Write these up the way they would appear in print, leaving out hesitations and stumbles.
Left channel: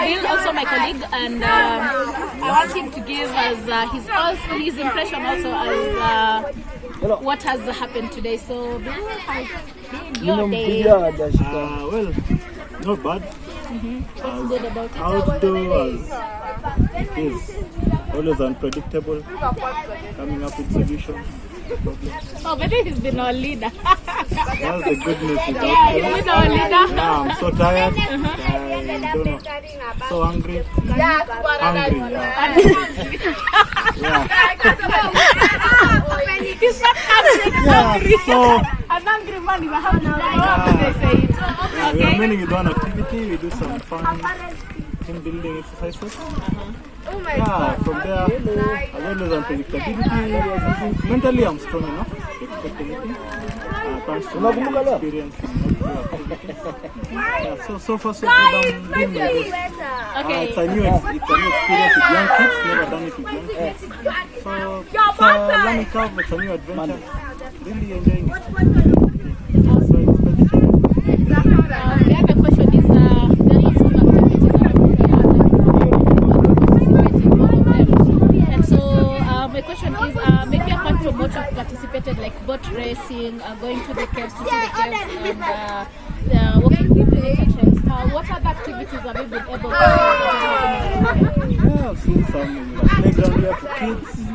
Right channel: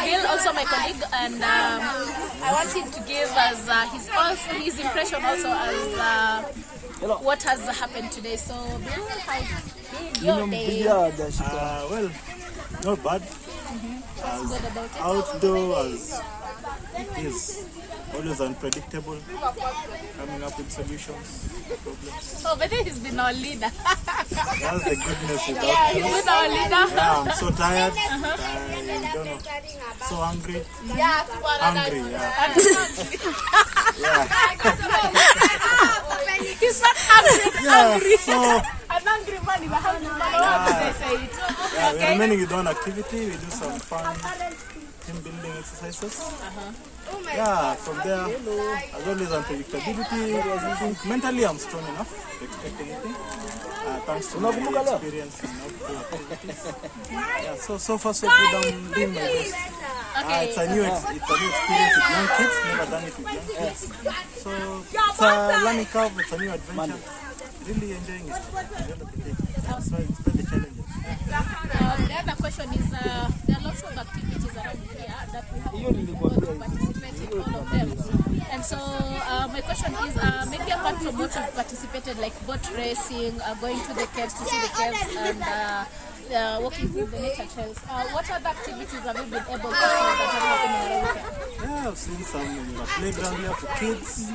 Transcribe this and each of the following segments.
Bill, also my colleague, and I want him to give us his impression also as what has happened today. So, Bill, how your day? Well, not bad. What's good about it? Outdoors is always unpredictable. Coming up with solutions. Oh, but this has been our leader. That's the goodness with He's our leader. Yeah, I'm so tired. I don't know. So hungry. Hungry. Yeah. He's not hungry. Yeah. So. I'm hungry, man. We're hungry. Yeah, we are mainly with one activity. We do some fun team building exercises. Yeah, from there, again, there's unpredictability. Mentally, I'm strong enough to expect anything. Thanks to my experience and activities. Yeah, so far, so good. I'm doing my best. It's a new experience with young kids. Never done it with young kids. So it's a learning curve. It's a new adventure. Really enjoying it. So it's very challenging. The other question is, there are lots of activities around here. And so, my question is, maybe apart from what you've participated, like boat racing, going to the caves to see the caves, and walking through the nature trails, what other activities have you been able to do? Yeah, I've seen some playground there for kids.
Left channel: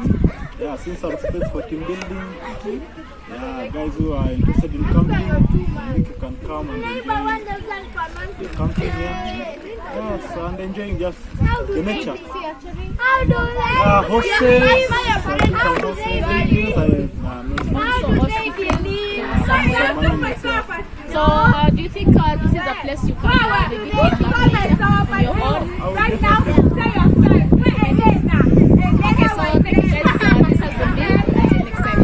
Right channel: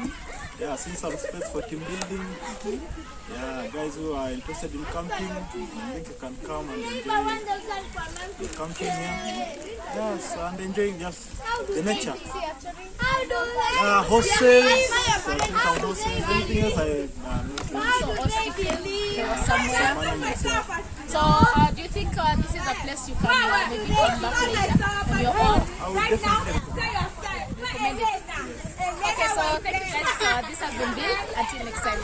Yeah, I've seen some space for team building. Yeah, guys who are interested in camping, I think you can come and enjoy the camping here. Yeah, so I'm enjoying just the nature. So, do you think this is a place you can maybe go back on your own? Right now, say your side. Okay, so this has been Bill. Until next time.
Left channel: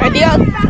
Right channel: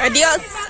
Adios.